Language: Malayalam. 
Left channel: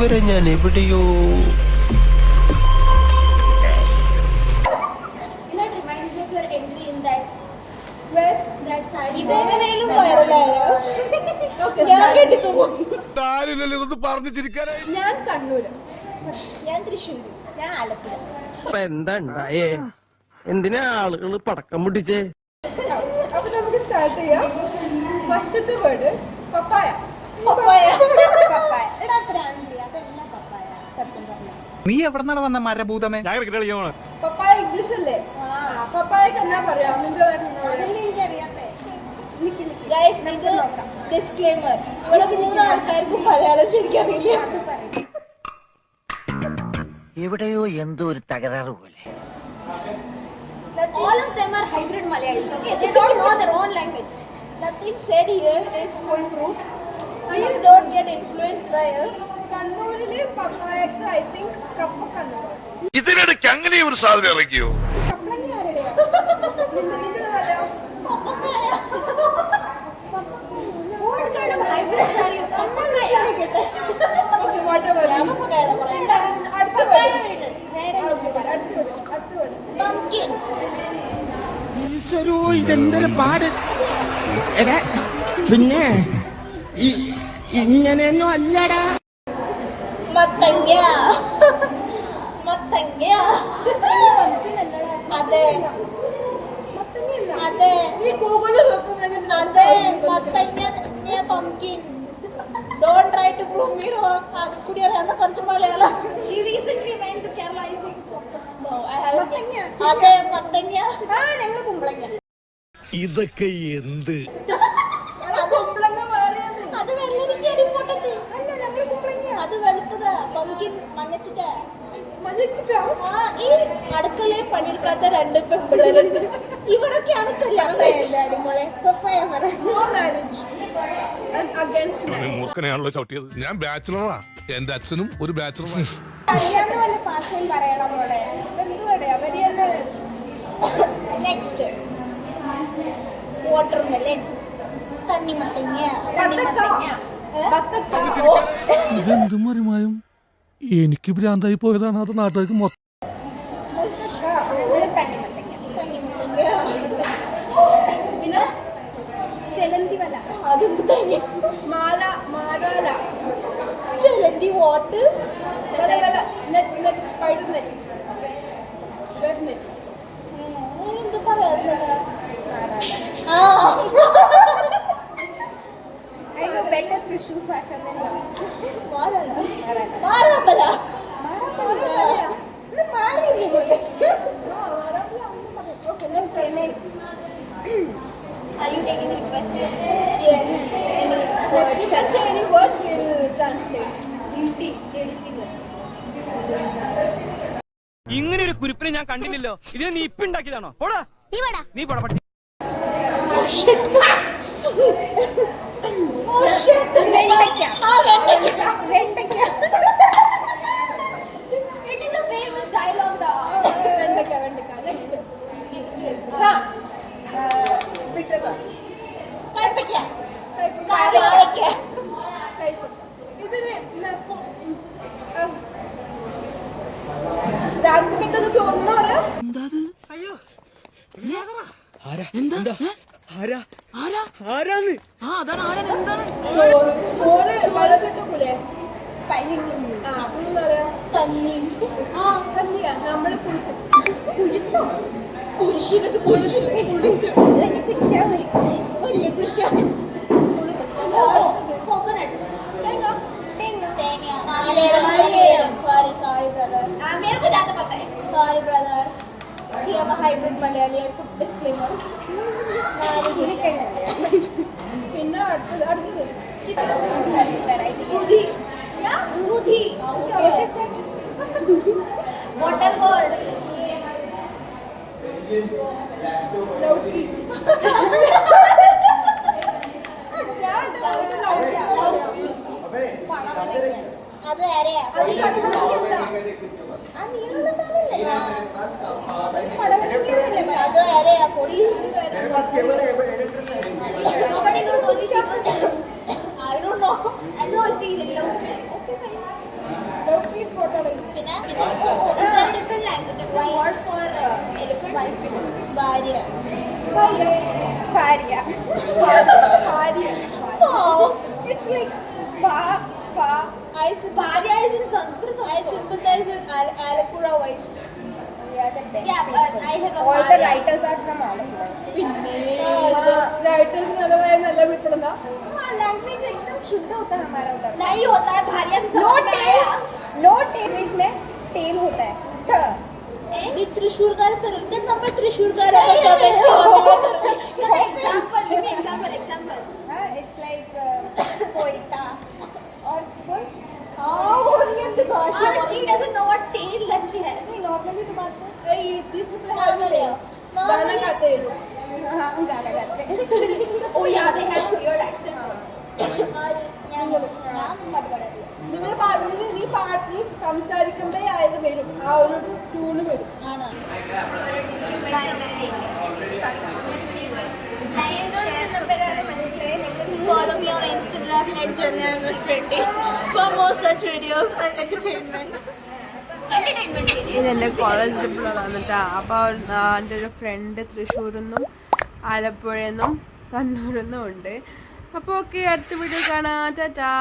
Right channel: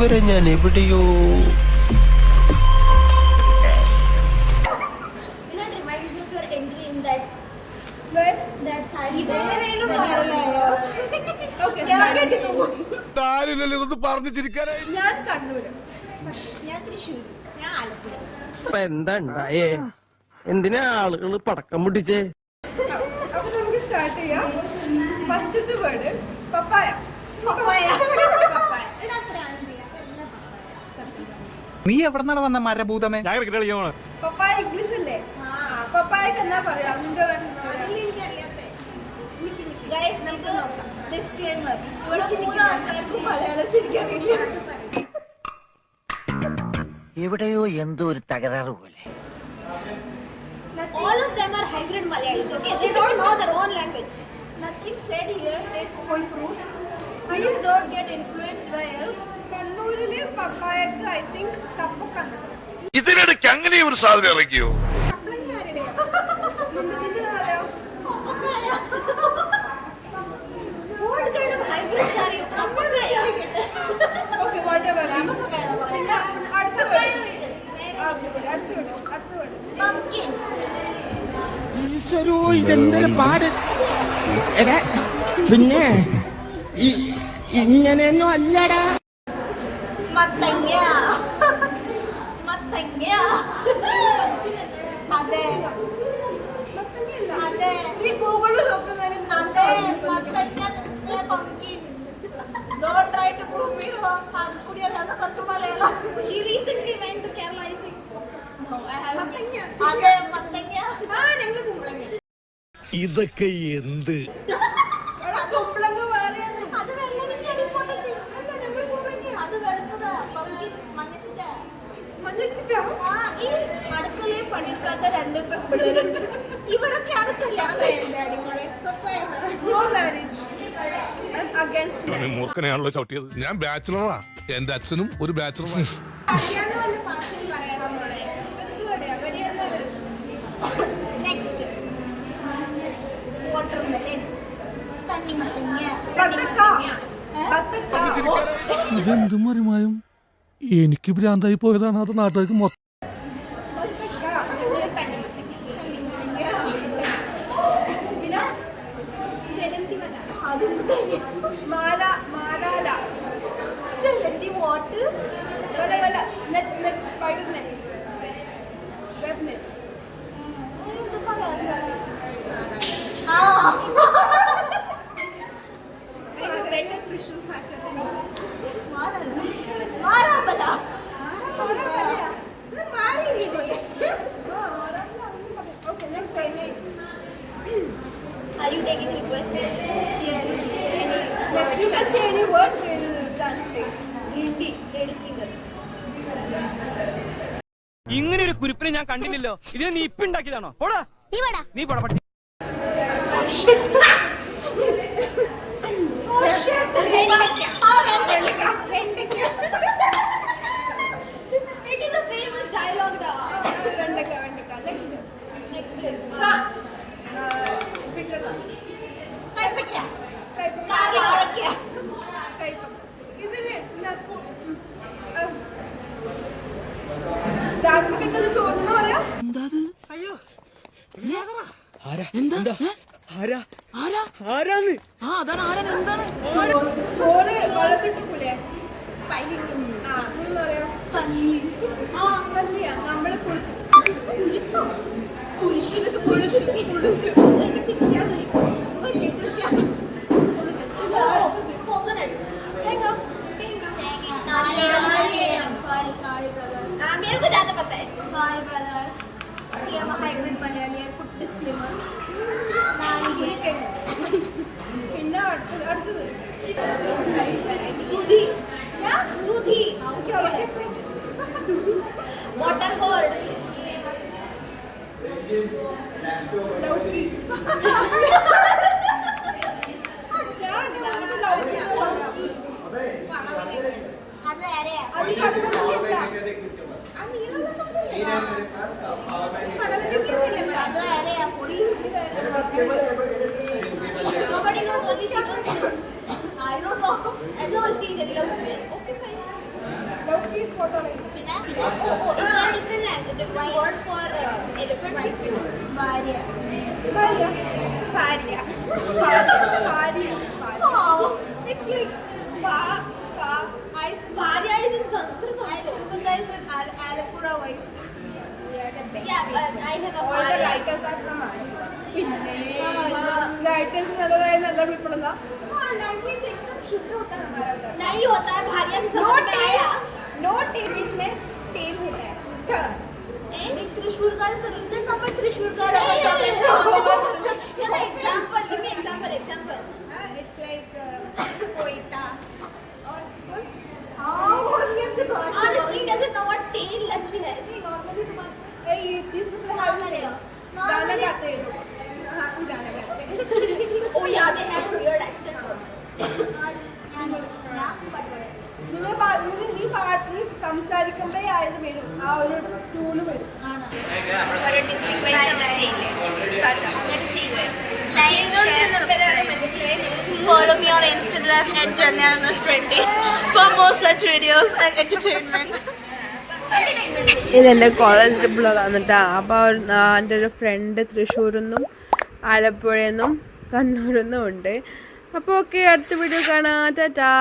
ഇവരെ ഞാൻ എവിടെയോ ഞാൻ കണ്ണൂര്, ഞാൻ തൃശ്ശൂർ, ഞാൻ ആലപ്പുഴ. എന്താ ഉണ്ടായേ? എന്തിനാ ആളുകൾ പടക്കം പൊട്ടിച്ചേ? അപ്പൊ നമുക്ക് സ്റ്റാർട്ട് ചെയ്യാം. ഫസ്റ്റത്തെ വേർഡ് പപ്പായ. നീ എവിടെന്നാണ് വന്ന മരഭൂതമേ? പപ്പായ ഇംഗ്ലീഷ് അല്ലേ? പപ്പായക്ക് എന്നാ പറയാ? ഡിസ്ക്ലെയിമർ, ഇവിടെ 3 ആൾക്കാർക്കും മലയാളം ശരിക്കും അറിയില്ല. എവിടെയോ എന്തോ ഒരു തകരാറ് പോലെ. All of them are hybrid Malayalis, okay? They don't know their own language. Nothing said here is foolproof. Please don't get influenced by us. കണ്ണൂരിലെ പപ്പായക്ക് I think കപ്പ കണ്ണൂർ. ഇതിനിടയ്ക്ക് അങ്ങനെ ഒരു സാധനം ഇറക്കിയോ? കപ്പളങ്ങ ആരുടെയോ? നിന്റെ പറയാം. പപ്പായ. What kind of hybrids are you? പപ്പായ കേട്ടെ. Okay, whatever. അടുത്ത വേർഡ്. Pumpkin. ഈശ്വരോ, ഇതെന്തൊരു പാട്. എടാ പിന്നെ ഇങ്ങനെയൊന്നും അല്ലടാ. മത്തങ്ങ. മത്തങ്ങ. അതെ അതെ, നീ ഗൂഗിളിൽ നോക്കുന്ന അതെ മത്തങ്ങ pumpkin. Don't try to prove me wrong. അത് കൂടി അറിയാവുന്ന കുറച്ച് Malayalam. She recently went to Kerala, I think. No, I haven't. മത്തങ്ങ. അതെ മത്തങ്ങ. ഞങ്ങള് കുമ്പളങ്ങ. ഇതൊക്കെ എന്ത്? അത് കുമ്പളങ്ങ വേറെ. അത് വെള്ളരിക്കടി പൊട്ടത്തി. അല്ല, ഞങ്ങള് കുമ്പളങ്ങ. അത് വെളുത്തത് പംകിൻ മഞ്ഞച്ചിട്ട. ഈ അടുക്കളയെ പണിയെടുക്കാത്ത 2 പെൺപിള്ളേരുണ്ട്. ഇവരൊക്കെയാണ് കല്യാണം കഴിച്ചത്. മൂർഖനെയാണല്ലോ ചവിട്ടിയത്. ഞാൻ ബാച്ചിലറാ, എന്റെ അച്ഛനും ഒരു ബാച്ചിലറാണ്. Next watermelon, തണ്ണിമത്തങ്ങ. ഇതെന്ത് മറിമായും? എനിക്ക് ഭ്രാന്തായി പോയതാണ്. അത് നാട്ടുകാർക്ക് മൊത്തം. ചെലന്തി വാട്ട് തൃശ്ശൂർ ഭാഷ. മാറാമ്പല. Next. Are you taking requests? Yes. Any word will translate. Hindi. Ladies finger. ഇങ്ങനെ ഒരു കുരിപ്പിനെ ഞാൻ കണ്ടില്ലല്ലോ. ഇത് നീ ഇപ്പൊ ഉണ്ടാക്കിയതാണോ? പോടാ നീ പോടാ പട്ടി. It is a famous dialogue. Next. Bitraga. Kaipakya. ഇതിന് രാത്രിക്കെട്ടത് ചോറിന് പറയാം. ചോറ് വെള്ളം കിട്ടൂലേ? പറയാം കഞ്ഞി. കഞ്ഞിയാ നമ്മള് കുഴുത്തോ കുരിശിനത് കുഴുത്ത് വലിയ കുരിശാണ്. Coconut. Sorry brother. See, I'm a hybrid Malayali. I put disclaimer. പിന്നെ അടുത്തത് ദൂധി. ദൂധി. What is that? Bottle gourd. ലൗക്കി. അത് വേറെയാ. അത് വേറെയാ പൊടി. I don't know. I know she didn't. പിന്നെ different language word for elephant ഭാര്യ it's like Bharya is in Sanskrit. I sympathize with Alapura wives. We are the best people. I have all the writers are from Alapura. Writers नल्ला पीपल लैंग्वेज एकदम शुद्ध होता है हमारा उधर नहीं होता है भारिया से नो टेम इसमें टेम होता है मी त्रिशूरगार करते ना मैं त्रिशूरगार एग्जांपल इट्स लाइक कोयटा और भाषा और she doesn't know what tail लक्ष्य है नहीं नॉर्मली तो बात है गाना गाते हैं हाँ गाना गाते हैं ओ याद है weird accent നീ പാട്ട് സംസാരിക്കുമ്പോ ആയത് വരും ആ ഒരു ട്യൂണ് വരും Follow me on Instagram @janyanas20 for more such videos and entertainment. ഇതെൻ്റെ കോളേജ് ട്രിപ്പിലുള്ളതാണ് കേട്ടോ. അപ്പോൾ എൻ്റെ ഒരു ഫ്രണ്ട് തൃശ്ശൂരിൽ നിന്നും ആലപ്പുഴയിൽ നിന്നും കണ്ണൂരിൽ നിന്നും ഉണ്ട്. അപ്പോൾ ഓക്കെ, അടുത്ത വീഡിയോ കാണാം. ടാറ്റാ.